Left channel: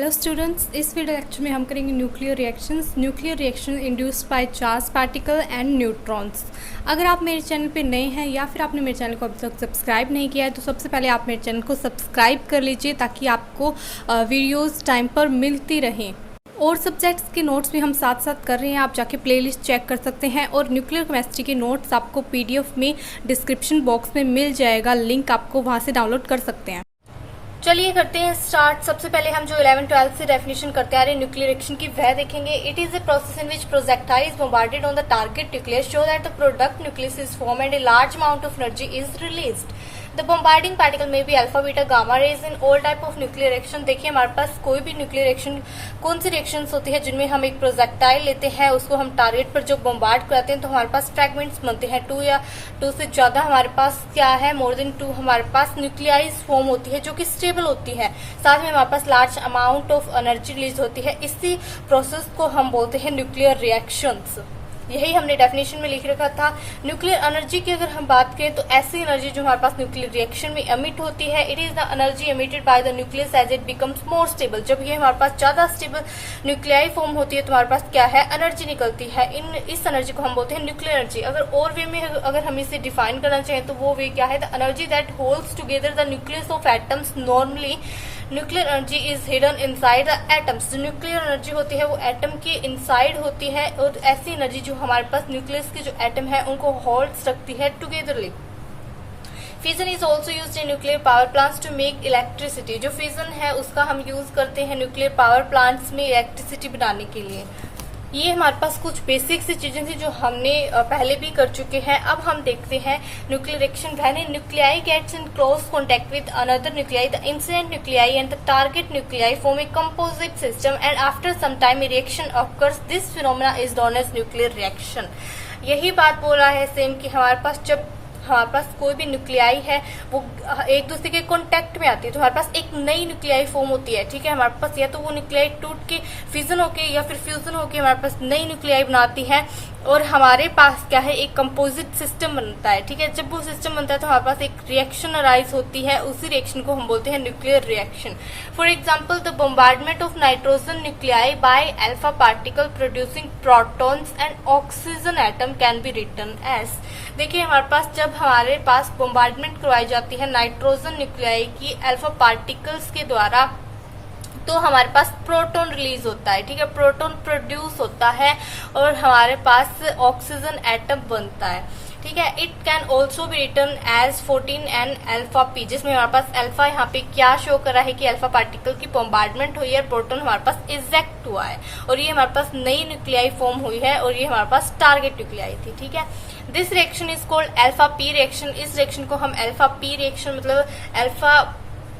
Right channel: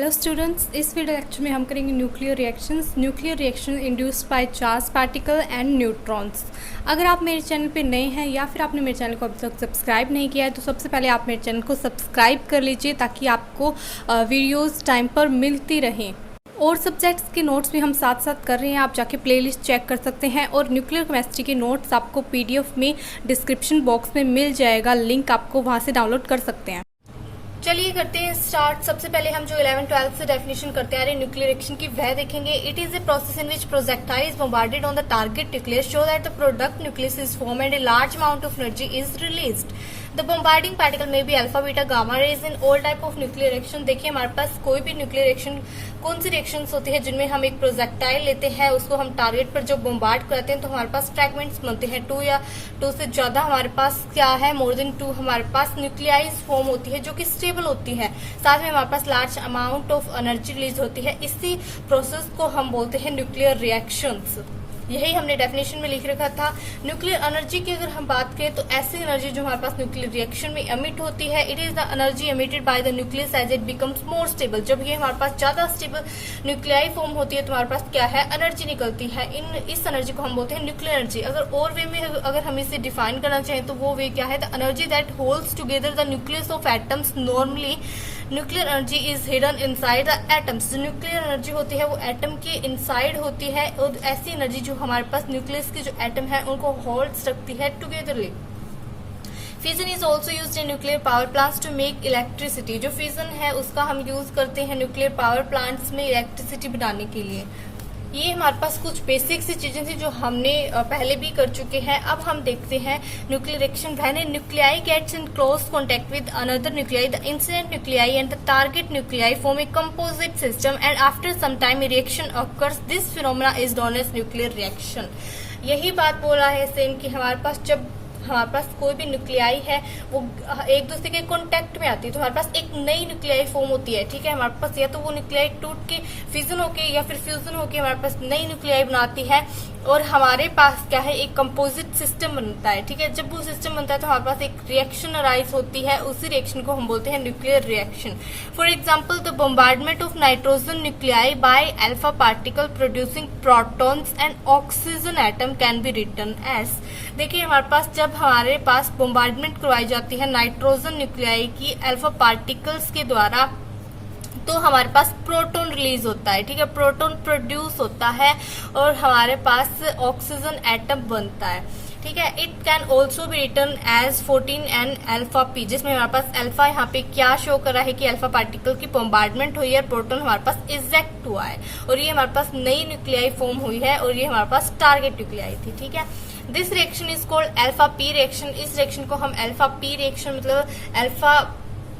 Hello students, इस video lecture में हम करेंगे nuclear reaction induced by charge particle and neutrons. अगर आप मेरे चैनल पे नए हैं या फिर आपने मेरे चैनल को अभी तक सब्सक्राइब नहीं किया है तो सबसे पहले आप मेरे चैनल को सब्सक्राइब कर लीजिए ताकि आपको वीडियोस टाइम पर मिलती रहें। और सब्जेक्ट्स के नोट्स भी हम साथ साथ कर रहे हैं, आप जाके प्लेलिस्ट चेक कर सकते हैं। और न्यूक्लियर केमिस्ट्री के नोट्स आपको पीडीएफ में डिस्क्रिप्शन बॉक्स में मिल जाएगा, लिंक आपको वहाँ से डाउनलोड कर सकते हैं। चलिए करते हैं स्टार्ट। सबसे पहले हम जो 11-12 से डेफिनेशन करते आ रहे हैं न्यूक्लियर रिएक्शन की वह देखेंगे। It is a process in which projectile is bombarded on the target nucleus so that the product nucleus is form and a large amount of energy is released. The bombarding particle में भी alpha beta gamma rays in all type of nuclear reaction. देखिए हमारे पास कोई भी nuclear reaction कौन सी reaction होती है जिनमें हम एक प्रोजेक्टाइल लेते हैं, उसको हम टारगेट पर जो बॉम्बार्ड कराते हैं तो हमारे पास फ्रैगमेंट्स बनते हैं। 2 या 2 से ज्यादा हमारे पास क्या है, मोर देन 2 हमारे पास न्यूक्लियाइज फॉर्म होती है जो कि स्टेबल होती है। साथ में हमारे पास large amount of energy release होती है। इसी प्रोसेस को हम बोलते हैं न्यूक्लियर रिएक्शंस। यही हमने डेफिनेशन में लिख रखा था। न्यूक्लियर एनर्जी की अगर हम बात करें तो ऐसी एनर्जी जो हमारे पास न्यूक्लियर रिएक्शन में एमिट होती है, it is the energy emitted by the nucleus as it becomes more stable. जब ये हमारे पास ज्यादा स्टेबल न्यूक्लियाई फॉर्म होती है तो हमारे पास क्या है, एनर्जी निकलती है। इस एनर्जी को हम बोलते हैं न्यूक्लियर एनर्जी। अगर और वे में अगर हम इसे डिफाइन करना चाहें तो वो वे क्या है, the energy that holds together the nucleus of atoms. Normally nuclear energy is hidden inside the atoms. जो न्यूक्लियर एनर्जी होती है वो एटम के इनसाइड होती है और ऐसी एनर्जी जो हमारे पास न्यूक्लियस की जो एटम है उनको होल्ड रखती है togetherly. Fission is also use in nuclear power plants to make electricity. जो फिजन है उसका हम यूज करते हैं न्यूक्लियर पावर प्लांट्स में इलेक्ट्रिसिटी बनाने के लिए। ये हमारे पास कुछ बेसिक सी चीजें थी जो हमने पहले भी कर चुके हैं। अब हम देखते हैं nuclear reaction when a nuclei gets in close contact with another nuclei, the incident nuclei and the target nuclei form a composite system and after some time a reaction occurs. This phenomena is known as nuclear reaction. यही बात बोला है same कि हमारे पास जब हमारे पास कोई भी न्यूक्लियाई है वो एक दूसरे के कांटेक्ट में आती है तो हमारे पास एक नई न्यूक्लियाई फॉर्म होती है। ठीक है, हमारे पास या तो वो न्यूक्लियाई टूट के फिजन होके या फिर फ्यूजन होके हमारे पास नई न्यूक्लियाई बनाती है और हमारे पास क्या है, एक कंपोजिट सिस्टम बनता है। ठीक है, जब वो सिस्टम बनता है तो हमारे पास एक रिएक्शन अराइज होती है, उसी रिएक्शन को हम बोलते हैं nuclear reaction. For example the bombardment of nitrogen nuclei by alpha particle producing protons and oxygen atom can be written as. देखिए हमारे पास जब हमारे पास बॉम्बार्डमेंट करवाई जाती है नाइट्रोजन न्यूक्लियाई की अल्फा पार्टिकल्स के द्वारा तो हमारे पास प्रोटॉन रिलीज होता है। ठीक है, प्रोटॉन प्रोड्यूस होता है और हमारे पास ऑक्सीजन एटम बनता है। ठीक है, it can also be written as 14N alpha p, जिसमें हमारे पास अल्फा यहाँ पे क्या शो कर रहा है कि अल्फा पार्टिकल की बॉम्बार्डमेंट हुई है, प्रोटॉन हमारे पास इजेक्ट हुआ है और ये हमारे पास नई न्यूक्लियाई फॉर्म हुई है और ये हमारे पास टारगेट न्यूक्लियाई थी। ठीक है, this reaction is called alpha p reaction. इस रिएक्शन को हम अल्फा पी रिएक्शन मतलब अल्फा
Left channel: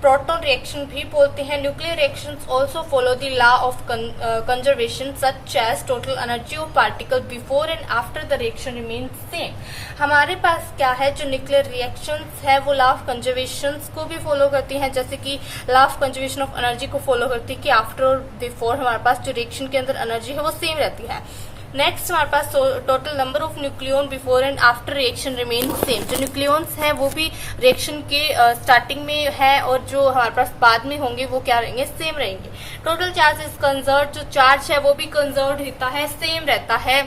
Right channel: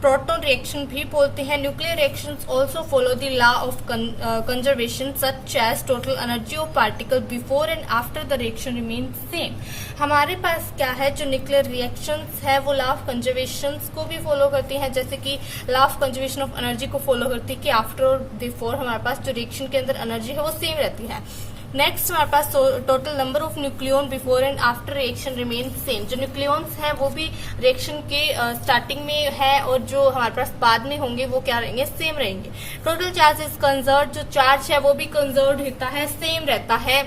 प्रोटॉन रिएक्शन भी बोलते हैं। Nuclear reactions also follow the law of conservation such as total energy of particle before and after the reaction remain same. हमारे पास क्या है, जो न्यूक्लियर रिएक्शंस है वो लॉ ऑफ कंजर्वेशन को भी फॉलो करती हैं, जैसे कि law of conservation of energy को फॉलो करती है कि आफ्टर और बिफोर हमारे पास जो रिएक्शन के अंदर एनर्जी है वो सेम रहती है। नेक्स्ट हमारे पास total number of nucleon before and after reaction remain same. जो न्यूक्लियंस हैं वो भी रिएक्शन के स्टार्टिंग में है और जो हमारे पास बाद में होंगे वो क्या रहेंगे, सेम रहेंगे। टोटल चार्ज इज कंजर्व, जो चार्ज है वो भी कंजर्व रहता है, सेम रहता है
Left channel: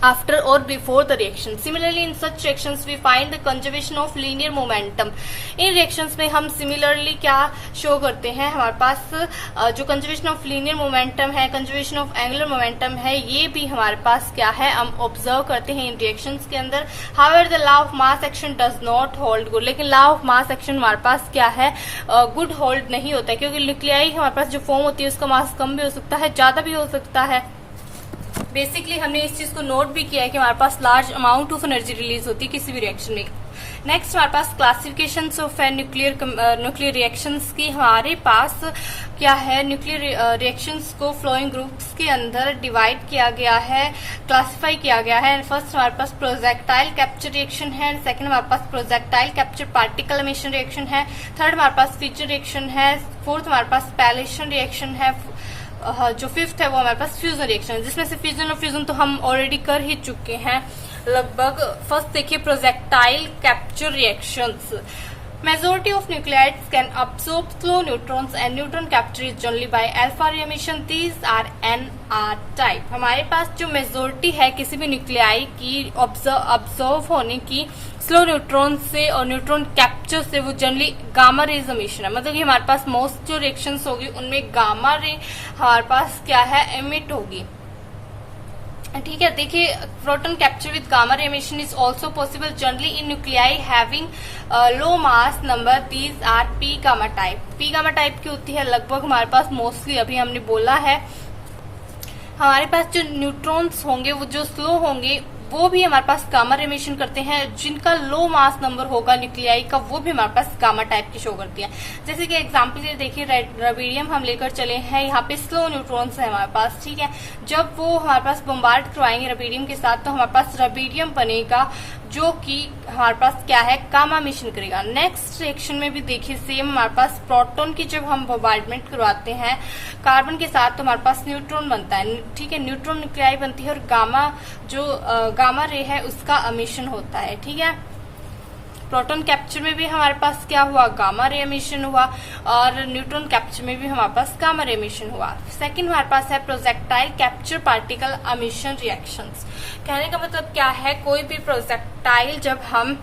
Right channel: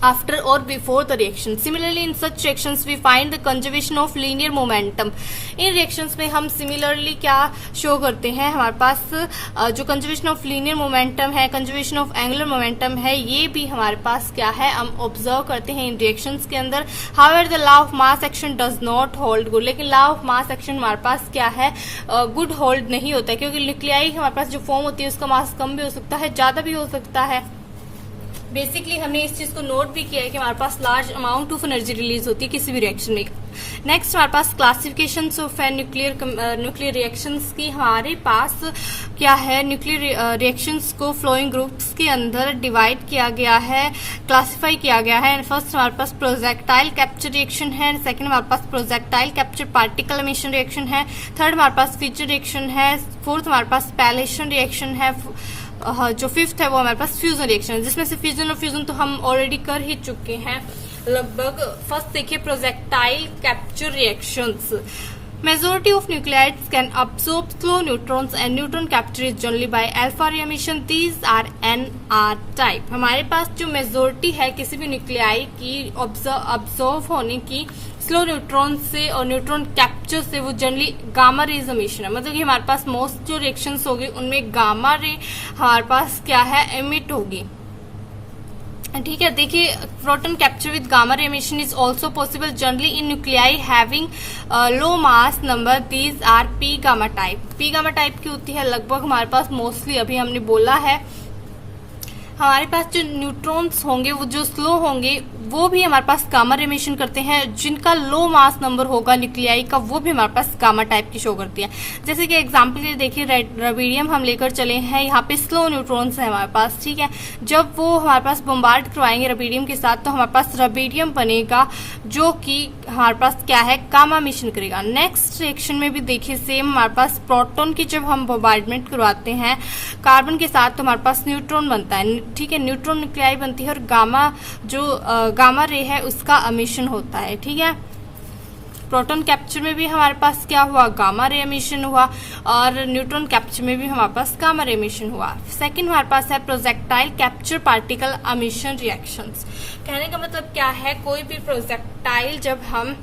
after or before the reaction. Similarly in such reactions we find the conservation of linear momentum. In reactions में हम similarly क्या शो करते हैं, हमारे पास जो conservation of linear momentum है, conservation of angular momentum है, ये भी हमारे पास क्या है, हम ऑब्जर्व करते हैं इन reactions के अंदर। However the law of mass action does not hold good, लेकिन law of mass action हमारे पास क्या है, गुड होल्ड नहीं होता है क्योंकि न्यूक्लियाई हमारे पास जो फॉर्म होती है उसका मास कम भी हो सकता है, ज्यादा भी हो सकता है। बेसिकली हमने इस चीज को नोट भी किया है कि हमारे पास large amount of energy release होती है किसी भी रिएक्शन में। नेक्स्ट हमारे पास क्लासिफिकेशन ऑफ न्यूक्लियर रिएक्शंस की। हमारे पास क्या है, न्यूक्लियर रिएक्शंस को फ्लोइंग ग्रुप्स के अंदर डिवाइड किया गया है, क्लासिफाई किया गया है। फर्स्ट हमारे पास प्रोजेक्टाइल कैप्चर रिएक्शन है, सेकंड हमारे पास projectile capture particle emission reaction है, थर्ड हमारे पास फ्यूजन रिएक्शन है, फोर्थ हमारे पास पैलेशन रिएक्शन है, जो फिफ्थ है वो हमारे पास फ्यूजन रिएक्शन है, जिसमें से फ्यूजन और फ्यूजन तो हम ऑलरेडी कर ही चुके हैं लगभग। फर्स्ट देखिए projectile capture reactions. Majority of nuclides can absorb slow neutrons and neutron capture is generally by alpha ray emission. These are NR type. हमारे पास जो मेजोरिटी है किसी भी न्यूक्लियाई की ऑब्जर्व होने की स्लो न्यूट्रॉन से और न्यूट्रॉन कैप्चर से वो जनरली गामा रेज एमिशन है, मतलब कि हमारे पास मोस्ट जो रिएक्शंस होगी उनमें गामा रे हमारे पास क्या है एमिट होगी। ठीक है, देखिए proton capture with gamma ray emission is also possible generally in nuclei having low mass number. These R P gamma type. P gamma type की होती है लगभग हमारे पास मोस्टली, अभी हमने बोला है हमारे पास जो न्यूट्रॉन्स होंगे वो जो स्लो होंगे वो भी हमारे पास गामा रे एमिशन करते हैं। जिनका लो मास नंबर होगा न्यूक्लियाई का वो भी हमारे पास गामा टाइप की शो करती है। जैसे कि एग्जांपल के लिए देखिए रबीडियम हम लेकर चले हैं, यहाँ पे स्लो न्यूट्रॉन्स है हमारे पास। ठीक है, जब वो हमारे पास बम्बार्ड करवाएंगे रबीडियम के साथ तो हमारे पास रबीडियम बनेगा जो कि हमारे पास क्या है गामा एमिशन करेगा। नेक्स्ट रिएक्शन में भी देखिए सेम हमारे पास प्रोटॉन की जब हम बम्बार्डमेंट करवाते हैं कार्बन के साथ तो हमारे पास न्यूट्रॉन बनता है। ठीक है, न्यूट्रॉन न्यूक्लियाई बनती है और गामा जो गामा रे है उसका एमिशन होता है। ठीक है, प्रोटॉन कैप्चर में भी हमारे पास क्या हुआ गामा रे एमिशन हुआ और न्यूट्रॉन कैप्चर में भी हमारे पास गामा रे एमिशन हुआ। सेकंड हमारे पास है projectile capture particle emission reactions. कहने का मतलब क्या है, कोई भी प्रोजेक्टाइल जब हम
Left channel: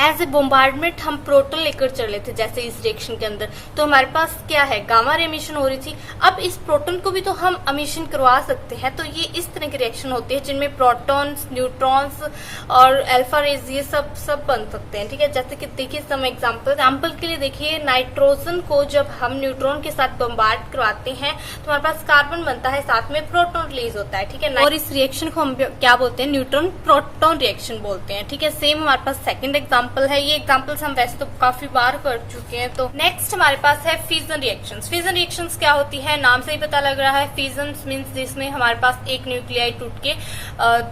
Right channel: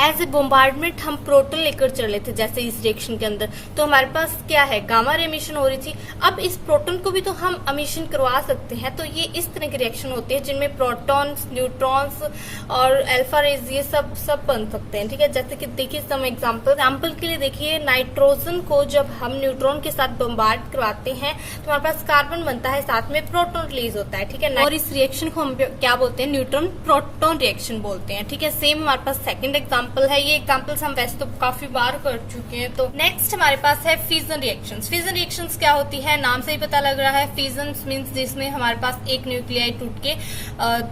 एज ए बोम्बार्डमेंट हम प्रोटॉन लेकर चले थे जैसे इस रिएक्शन के अंदर तो हमारे पास क्या है गामा रे एमिशन हो रही थी। अब इस प्रोटॉन को भी तो हम एमिशन करवा सकते हैं, तो ये इस तरह के रिएक्शन होते हैं जिनमें प्रोटॉन्स न्यूट्रॉन्स और अल्फा रेज ये सब बन सकते हैं। ठीक है, जैसे कि देखिए सम एग्जांपल के लिए देखिए नाइट्रोजन को जब हम न्यूट्रॉन के साथ बम्बार्ड करवाते हैं तो हमारे पास कार्बन बनता है, साथ में प्रोटॉन रिलीज होता है। ठीक है, और इस रिएक्शन को हम क्या बोलते हैं न्यूट्रॉन प्रोटॉन रिएक्शन बोलते हैं। ठीक है, सेम हमारे पास सेकंड एग्जांपल है। ये एग्जांपल्स हम वैसे तो काफी बार कर चुके हैं। तो नेक्स्ट हमारे पास है फ्यूजन रिएक्शंस। फ्यूजन रिएक्शंस क्या होती है, नाम से ही पता लग रहा है फ्यूजन मींस जिसमें हमारे पास एक न्यूक्लियाई टूट के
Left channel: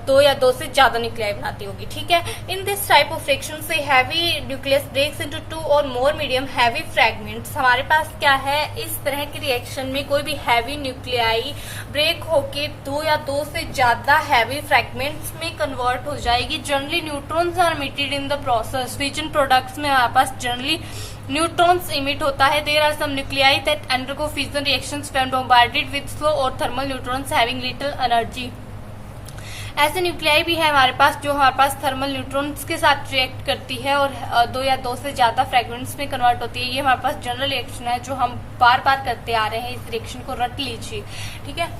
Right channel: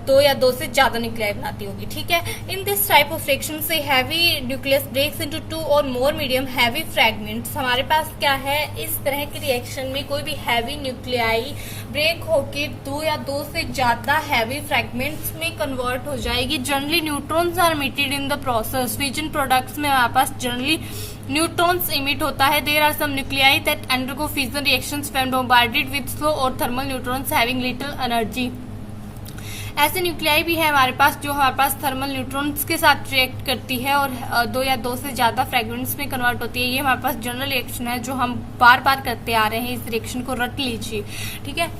दो या दो से ज्यादा न्यूक्लियाई बनाती होगी। ठीक है, in this type of reaction से heavy nucleus breaks into two और मोर मीडियम हैवी फ्रेगमेंट्स। हमारे पास क्या है इस तरह की रिएक्शन में कोई भी हैवी न्यूक्लियाई ब्रेक होके दो या दो से ज्यादा हैवी फ्रेगमेंट्स में कन्वर्ट हो जाएगी। Generally neutrons are emitted in the process. Fusion products में हमारे पास जनरली न्यूट्रॉन्स इमिट होता है। There are some nuclei that undergo fusion reactions when bombarded with slow और thermal neutrons having little energy. ऐसे न्यूक्लियाई भी है हमारे पास जो हमारे पास थर्मल न्यूट्रॉन्स के साथ रिएक्ट करती है और दो या दो से ज्यादा फ्रेगमेंट्स में कन्वर्ट होती है। ये हमारे पास जनरल रिएक्शन है जो हम बार बार करते आ रहे हैं, इस रिएक्शन को रट लीजिए। ठीक है,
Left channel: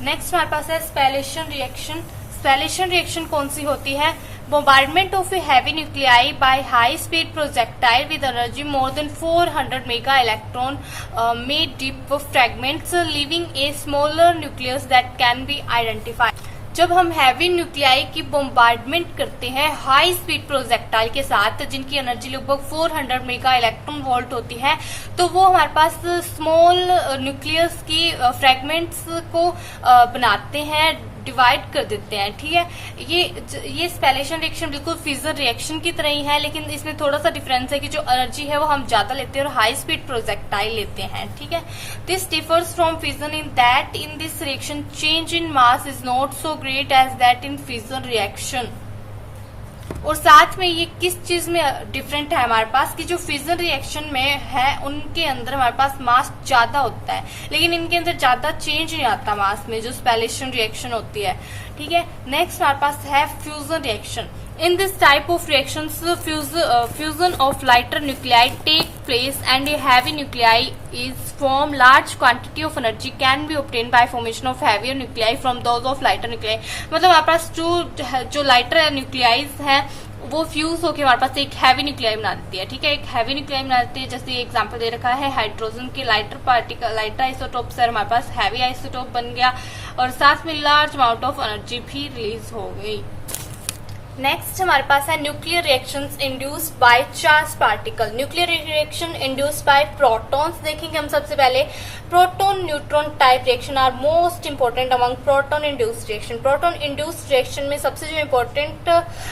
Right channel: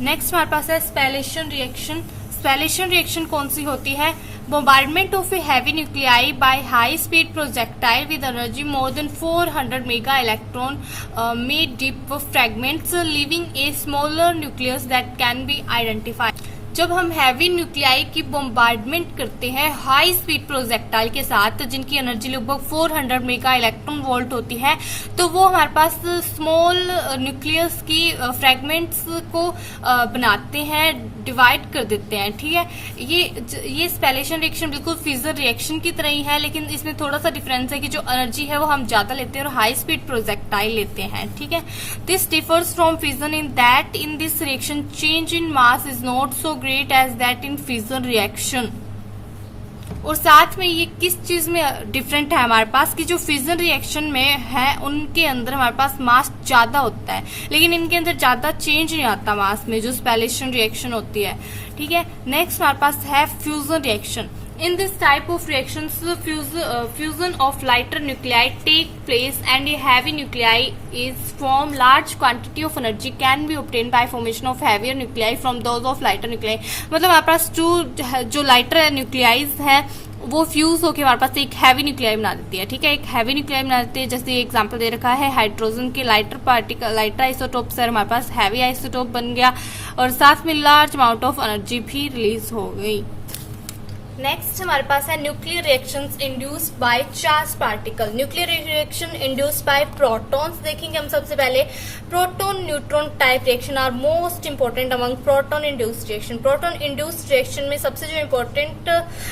नेक्स्ट हमारे पास है स्पेलेशन रिएक्शन। स्पेलेशन रिएक्शन कौन सी होती है, bombardment of a heavy nuclei by high speed projectile with energy more than 400 mega electron may dip fragments leaving a smaller nucleus that can be identified। जब हम हैवी न्यूक्लियाई की bombardment करते हैं high speed projectile के साथ जिनकी energy लगभग 400 mega electron volt होती है तो वो हमारे पास स्मॉल न्यूक्लियस की फ्रेगमेंट्स को बनाते हैं, डिवाइड कर देते हैं। ठीक है, ये स्पेलेशन रिएक्शन बिल्कुल फ्यूजन रिएक्शन की तरह ही है, लेकिन इसमें थोड़ा सा डिफरेंस है कि जो एनर्जी है वो हम ज्यादा लेते हैं और हाई स्पीड प्रोजेक्टाइल लेते हैं। ठीक है, this differs from fusion in that in this reaction change in mass is not so great as that in fusion reaction. और साथ में ये किस चीज में डिफरेंट है हमारे पास कि जो फ्यूजन रिएक्शन में है उनके अंदर हमारे पास मास ज्यादा होता है, लेकिन इनके अंदर ज्यादा चेंज नहीं आता मास में, जो स्पेलेशन रिएक्शन होती है। ठीक है, नेक्स्ट हमारे पास है fusion reaction. In this type of reactions, fusion of lighter nuclei take place and a heavy nuclei is formed. Large quantity of energy can be obtained by formation of heavier nuclei from those of lighter nuclei। मतलब हमारे पास जो lighter न्यूक्लियाइज हैं वो fuse होकर हमारे पास एक heavy nuclei बना देती है। ठीक है, एक हैवी न्यूक्लियाई बना देती है। जैसे ये एग्जांपल दे रखा है हाइड्रोजन के लाइटर पार्टिकल, लाइटर आइसोटोप से हमारे पास हैवी आइसोटोप बन गया और साथ में लार्ज अमाउंट ऑफ एनर्जी भी रिलीज हो गई। नेक्स्ट हमारे पास है nuclear reactions induced by charge particle. Nuclear reaction induced by protons देखेंगे हम सबसे पहले। Proton neutron type reaction are most important among proton induced reaction. Proton induced reaction में सबसे जो इंपॉर्टेंट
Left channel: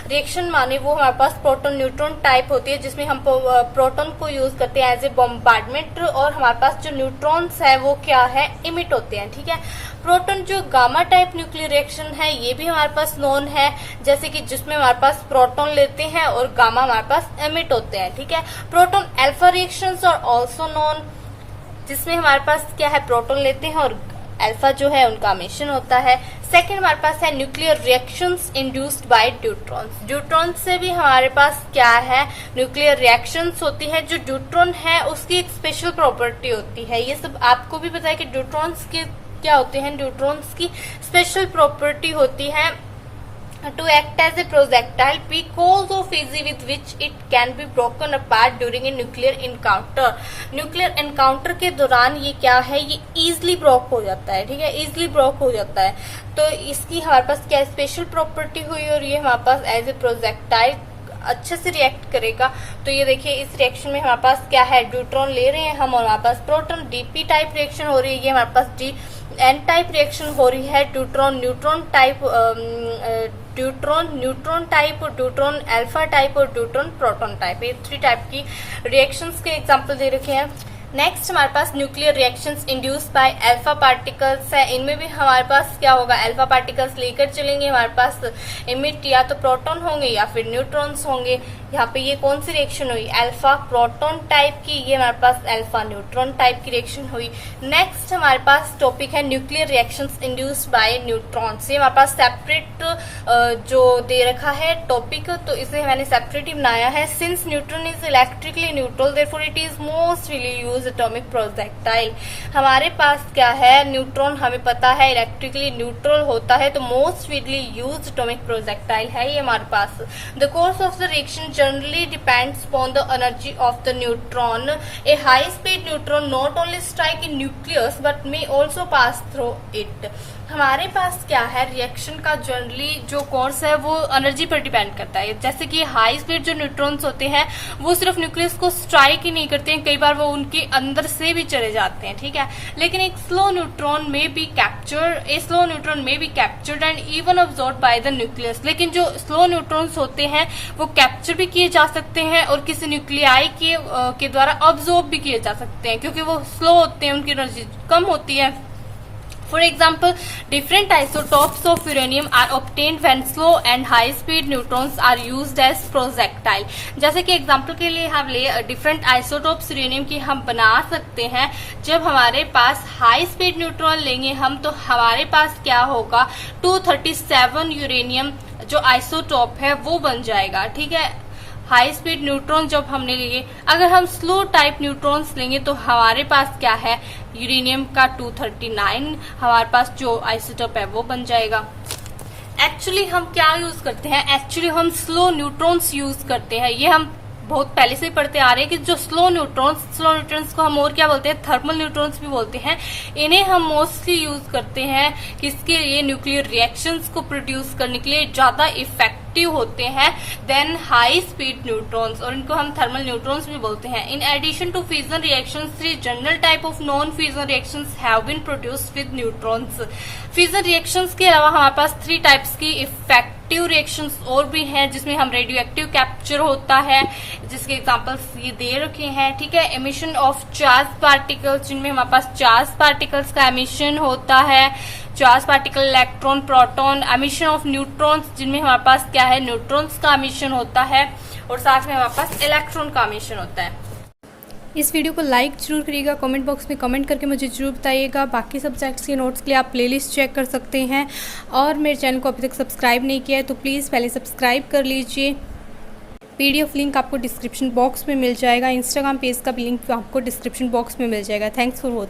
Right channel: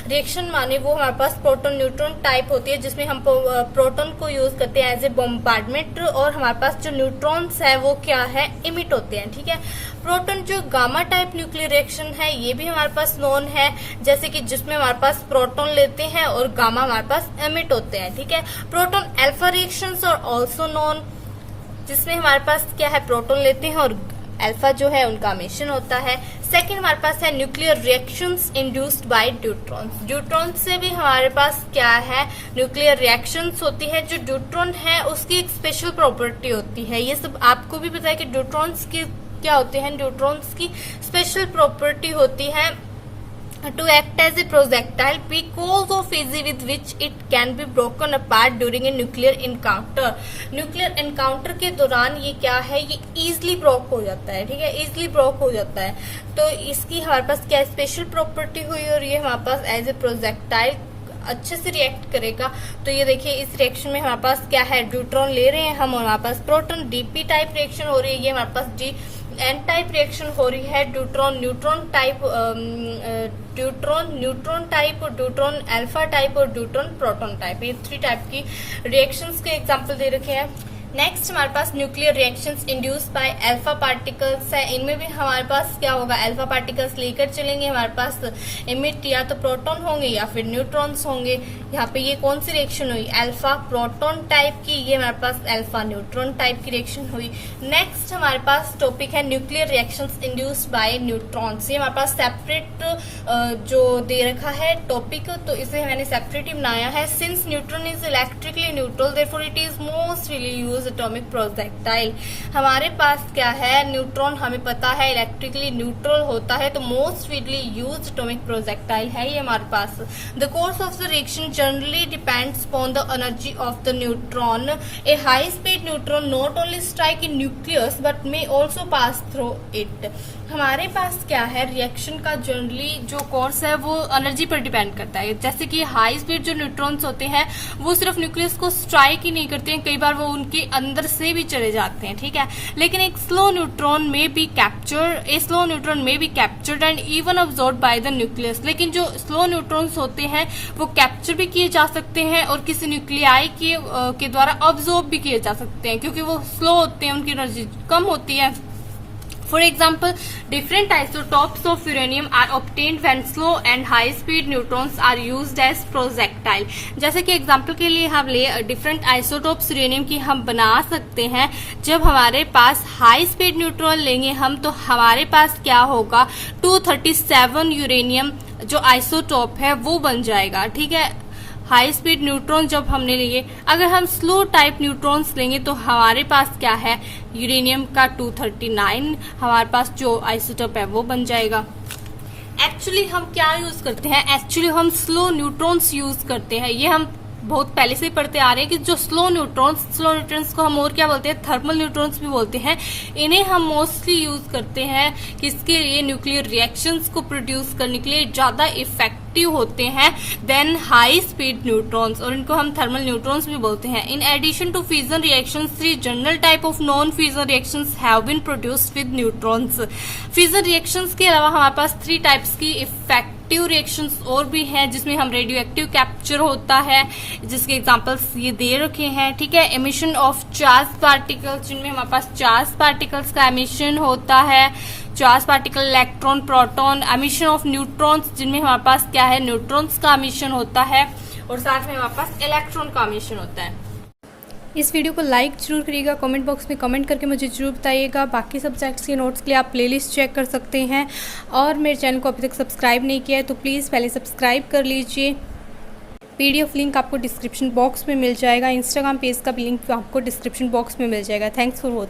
रिएक्शन माने वो हमारे पास प्रोटॉन न्यूट्रॉन टाइप होती है, जिसमें हम प्रोटॉन को यूज करते हैं एज ए बॉम्बार्डमेंट और हमारे पास जो न्यूट्रॉन्स है वो क्या है इमिट होते हैं। ठीक है, प्रोटॉन जो गामा टाइप न्यूक्लियर रिएक्शन है ये भी हमारे पास नोन है, जैसे कि जिसमें हमारे पास प्रोटॉन लेते हैं और गामा हमारे पास एमिट होते हैं, ठीक है। प्रोटॉन अल्फा रिएक्शंस और ऑल्सो नोन, जिसमें हमारे पास क्या है, प्रोटॉन लेते हैं और अल्फा जो है उनका एमिशन होता है। सेकंड हमारे पास है nuclear reactions induced by deuterons. Deuteron से भी हमारे पास क्या है, न्यूक्लियर रिएक्शंस होती है। जो ड्यूट्रॉन है उसकी एक स्पेशल प्रॉपर्टी होती है, ये सब आपको भी पता है कि ड्यूट्रॉन्स के क्या होते हैं। ड्यूट्रॉन्स की स्पेशल प्रॉपर्टी होती है to act as a projectile because of easy with which it can be broken apart during a nuclear encounter। Nuclear encounter के दौरान ये क्या है, ये इजिली ब्रोक हो जाता है, ठीक है, इजिली ब्रोक हो जाता है। तो इसकी हमारे पास क्या स्पेशल प्रॉपर्टी हुई और ये हमारे पास एज ए प्रोजेक्टाइल अच्छे से रिएक्ट करेगा। तो ये देखिए इस रिएक्शन में हमारे पास क्या है, ड्यूट्रॉन ले रहे हैं हम और हमारे पास प्रोटॉन, डीपी टाइप रिएक्शन हो रही है, ये हमारे पास डी एन टाइप रिएक्शन हो रही है। Deuteron neutron type, deuteron neutron type, deuteron alpha type और ड्यूट्रॉन प्रोटॉन टाइप, ये 3 टाइप की रिएक्शंस के एग्जांपल दे रखे हैं। नेक्स्ट हमारे पास nuclear reactions induced by alpha particles है। इनमें भी हमारे पास क्या होगा, अल्फा पार्टिकल्स लेकर चलेंगे, हमारे पास इमिट या तो प्रोटॉन होंगे या फिर न्यूट्रॉन्स होंगे। यहाँ पे ये कौन सी रिएक्शन हुई, अल्फा प्रोटॉन टाइप की, ये हमारे पास अल्फा न्यूट्रॉन टाइप की रिएक्शन हुई। नेक्स्ट हमारे पास टॉपिक है nuclear reactions induced bye neutrons. ये हमारे पास सेपरेट जो दे रखा है टॉपिक, तो इसे मैंने सेपरेट ही बनाया है। Since neutron is electrically neutral therefore it is most really use atomic projectile. हमारे पास क्या है, न्यूट्रॉन हमें पता है इलेक्ट्रिकली न्यूट्रल होता है, तो most widely used atomic projectile है ये हमारे पास। The course of the reaction generally depends upon the energy of the neutron. A high speed neutron not only strike in nucleus but may also pass through it. हमारे पास क्या है, reaction का generally जो कोर्स है वो energy पर depend करता है। जैसे कि हाई स्पीड जो न्यूट्रॉन्स होते हैं वो सिर्फ न्यूक्लियस को स्ट्राइक ही नहीं करते हैं, कई बार वो उनके अंदर से भी चले जाते हैं, ठीक है। लेकिन एक स्लो न्यूट्रॉन में be captured and even absorbed bye the nucleus. लेकिन जो स्लो न्यूट्रॉन्स होते हैं वो कैप्चर भी किए जा सकते हैं और किसी न्यूक्लियाई के द्वारा अब्सॉर्ब भी किए जा सकते हैं, क्योंकि वो स्लो होते हैं, उनकी एनर्जी कम होती है। For example, different isotopes of uranium are obtained when slow and high speed neutrons are used as projectile। जैसे कि एग्जाम्पल के लिए हम ले डिफरेंट आइसोटोप्स यूरेनियम की हम बना सकते हैं। जब हमारे पास हाई स्पीड न्यूट्रॉन लेंगे हम, तो हमारे पास क्या होगा, 237 यूरेनियम जो आइसोटोप है वो बन जाएगा, ठीक है। हाई स्पीड न्यूट्रॉन जब हमने लिए, अगर हम स्लो टाइप न्यूट्रॉन्स लेंगे तो हमारे पास क्या है, यूरेनियम का 239 हमारे पास जो आइसोटोप है वो बन जाएगा। एक्चुअली हम क्या यूज करते हैं, एक्चुअली हम स्लो न्यूट्रॉन्स यूज करते हैं। ये हम बहुत पहले से पढ़ते आ रहे हैं कि जो स्लो न्यूट्रॉन्स को हम और क्या बोलते हैं, थर्मल न्यूट्रॉन्स भी बोलते हैं। इन्हें हम मोस्टली यूज करते हैं किसके लिए, न्यूक्लियर रिएक्शंस को प्रोड्यूस करने के लिए ज्यादा इफेक्टिव होते हैं देन हाई स्पीड न्यूट्रॉन्स, और इनको हम थर्मल न्यूट्रॉन्स भी बोलते हैं। In addition to fusion reactions, 3 general type of non fusion reactions have been produced with neutrons. Fusion reactions के अलावा हमारे पास 3 टाइप्स की इफेक्टिव रिएक्शंस और भी हैं, जिसमें हम रेडियो एक्टिव कैप्चर होता है, जिसके एग्जांपल्स ये दे रखे हैं, ठीक है। एमिशन ऑफ चार्ज पार्टिकल्स, जिनमें हमारे पास चार्ज पार्टिकल्स का एमिशन होता है, charge particle electron proton. Emission of neutrons, जिनमें हमारे पास क्या है, न्यूट्रॉन्स का एमिशन होता है, और साथ में हमारे पास इलेक्ट्रॉन का एमिशन होता है। इस वीडियो को लाइक जरूर करिएगा, कमेंट बॉक्स में कमेंट करके मुझे जरूर बताइएगा। बाकी सब्जेक्ट्स के नोट्स के लिए आप प्लेलिस्ट चेक कर सकते हैं, और मेरे चैनल को अभी तक सब्सक्राइब नहीं किया है तो प्लीज़ पहले सब्सक्राइब कर लीजिए। PDF लिंक आपको डिस्क्रिप्शन बॉक्स में मिल जाएगा, इंस्टाग्राम पेज का भी लिंक आपको डिस्क्रिप्शन बॉक्स में मिल जाएगा। Thanks for watching.